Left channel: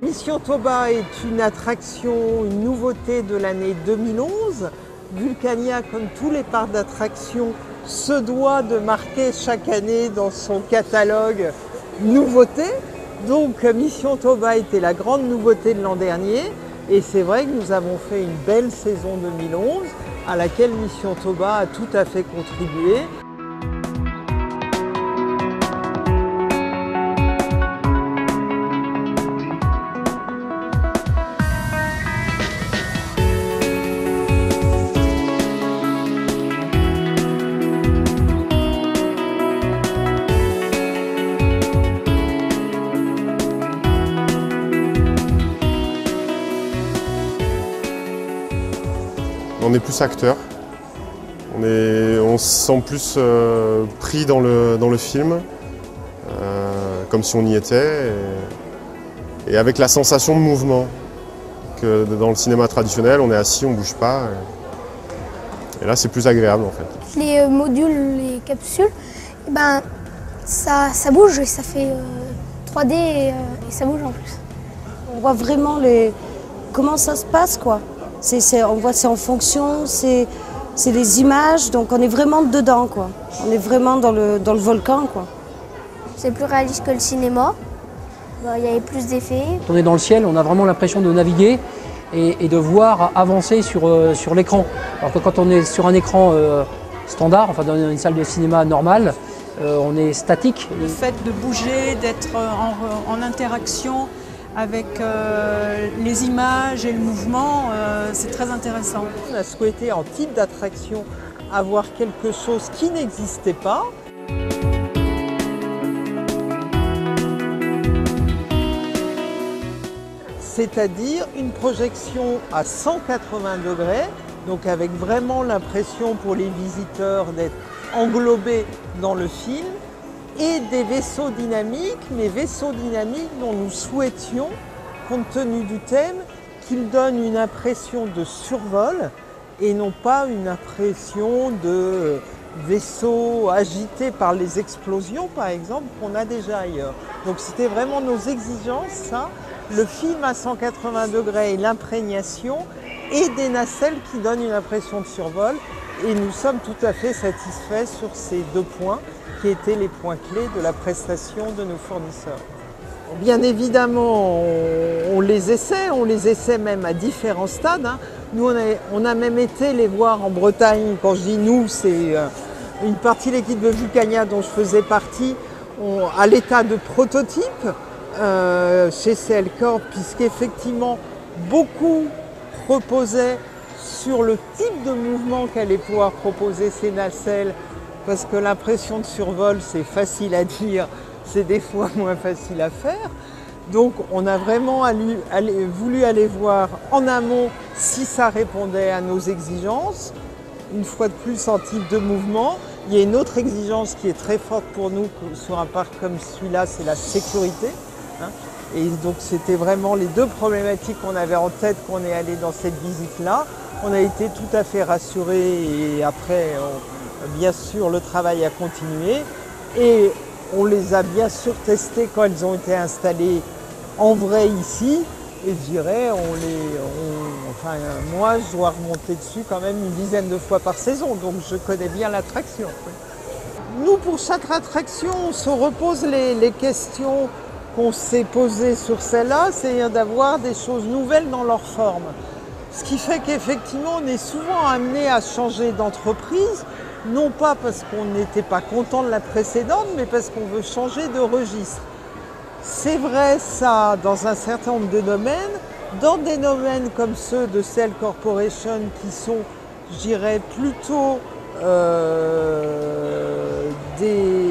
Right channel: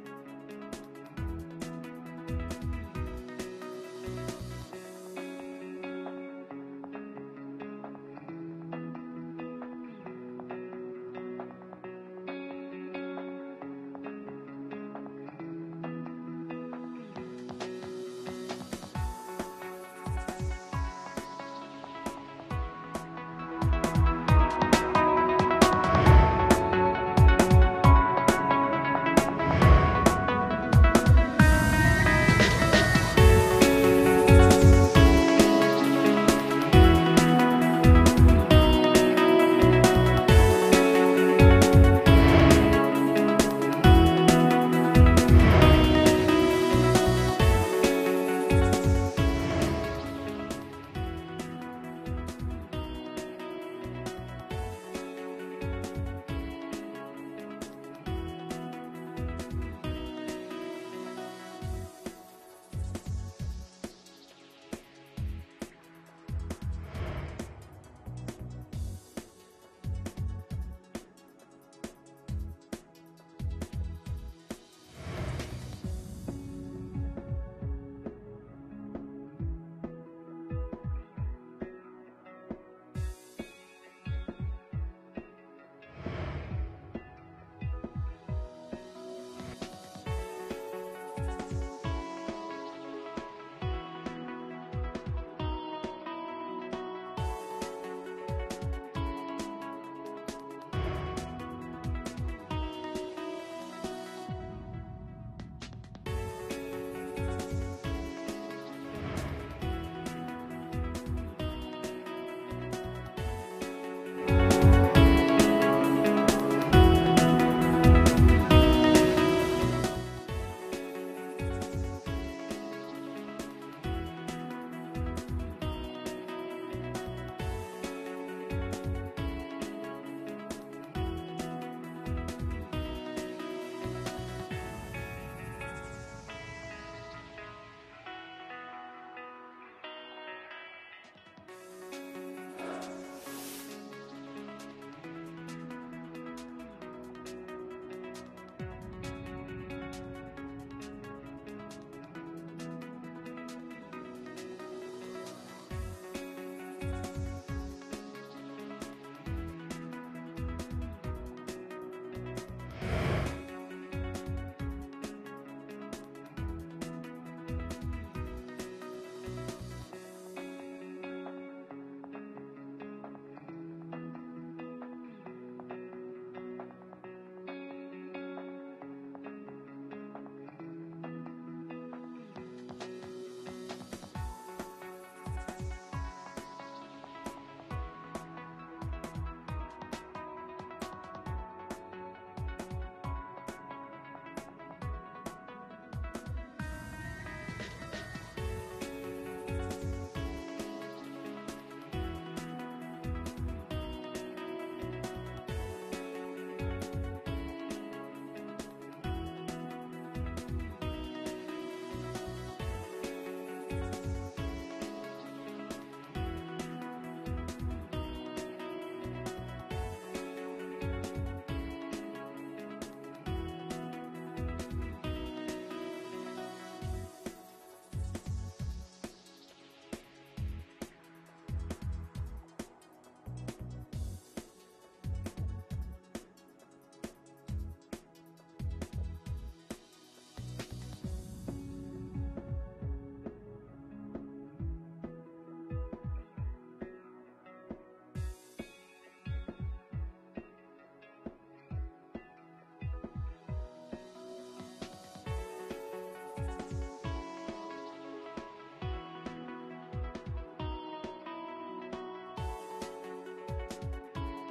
Mission Toba est une attraction, une nouveauté de l'année 2011. Vulcania, comme tous les parcs d'attractions, se doit de marquer chaque année dans son catalogue nouveauté. Donc Mission Toba était la grande nouveauté de l'an dernier et c'est vrai que nous avons fait une belle saison 2011 à laquelle Mission Toba a tout à fait contribué. On est plus acteur, on se sent plus pris dans le film, comme si on y était, et avec la sensation de mouvement que dans le cinéma traditionnel, on est assis, on ne bouge pas, et là c'est plus agréable en fait. Les modules, les capsules, eh ben, ça bouge et ça fait 3D et ça bouge en plus. On voit vraiment comment ça se passe, quoi. On voit c'est en fonction, c'est les images, donc on est vraiment dedans, quoi. On est vraiment dans le volcan, quoi. C'est plus réaliste que le cinéma, il y avait plus d'effets. On est dans le ciel, on a vraiment l'impression de naviguer et de voir avancer sur l'écran. Alors que quand on est sur un écran standard, enfin dans une salle de cinéma normale, on est statique. Le fait de bouger, d'être en interaction avec les images et le mouvement, c'est très intéressant. On a souhaité en type d'attraction avoir quelque chose qui n'existait pas. C'est-à-dire une projection à 180 degrés, donc avec vraiment l'impression pour les visiteurs d'être englobés dans le film, et des vaisseaux dynamiques, mais vaisseaux dynamiques dont nous souhaitions, compte tenu du thème, qu'ils donnent une impression de survol et non pas une impression de vaisseaux agités par les explosions, par exemple, qu'on a déjà ailleurs. Donc c'était vraiment nos exigences, ça, le film à 180 degrés et l'imprégnation, et des nacelles qui donnent une impression de survol. Et nous sommes tout à fait satisfaits sur ces deux points qui étaient les points clés de la prestation de nos fournisseurs. Bien évidemment, on les essaie même à différents stades. Nous, on a même été les voir en Bretagne. Quand je dis nous, c'est une partie de l'équipe de Vulcania dont je faisais partie, à l'état de prototype chez CL Corp, puisqu'effectivement, beaucoup reposaient sur le type de mouvement qu'allaient pouvoir proposer ces nacelles, parce que l'impression de survol, c'est facile à dire, c'est des fois moins facile à faire. Donc on a vraiment voulu aller voir en amont si ça répondait à nos exigences. Une fois de plus, en type de mouvement, il y a une autre exigence qui est très forte pour nous sur un parc comme celui-là, c'est la sécurité. Et donc c'était vraiment les deux problématiques qu'on avait en tête quand on est allé dans cette visite-là. On a été tout à fait rassurés et après, bien sûr, le travail a continué. Et on les a bien sûr testés quand ils ont été installés en vrai ici. Et je dirais, moi, je dois remonter dessus quand même une dizaine de fois par saison, donc je connais bien l'attraction. Nous, pour chaque attraction, on se repose les questions qu'on s'est posées sur celle-là, c'est d'avoir des choses nouvelles dans leur forme. Ce qui fait qu'effectivement, on est souvent amené à changer d'entreprise, non pas parce qu'on n'était pas content de la précédente, mais parce qu'on veut changer de registre. C'est vrai ça dans un certain nombre de domaines. Dans des domaines comme ceux de CL Corporation qui sont, je dirais, plutôt des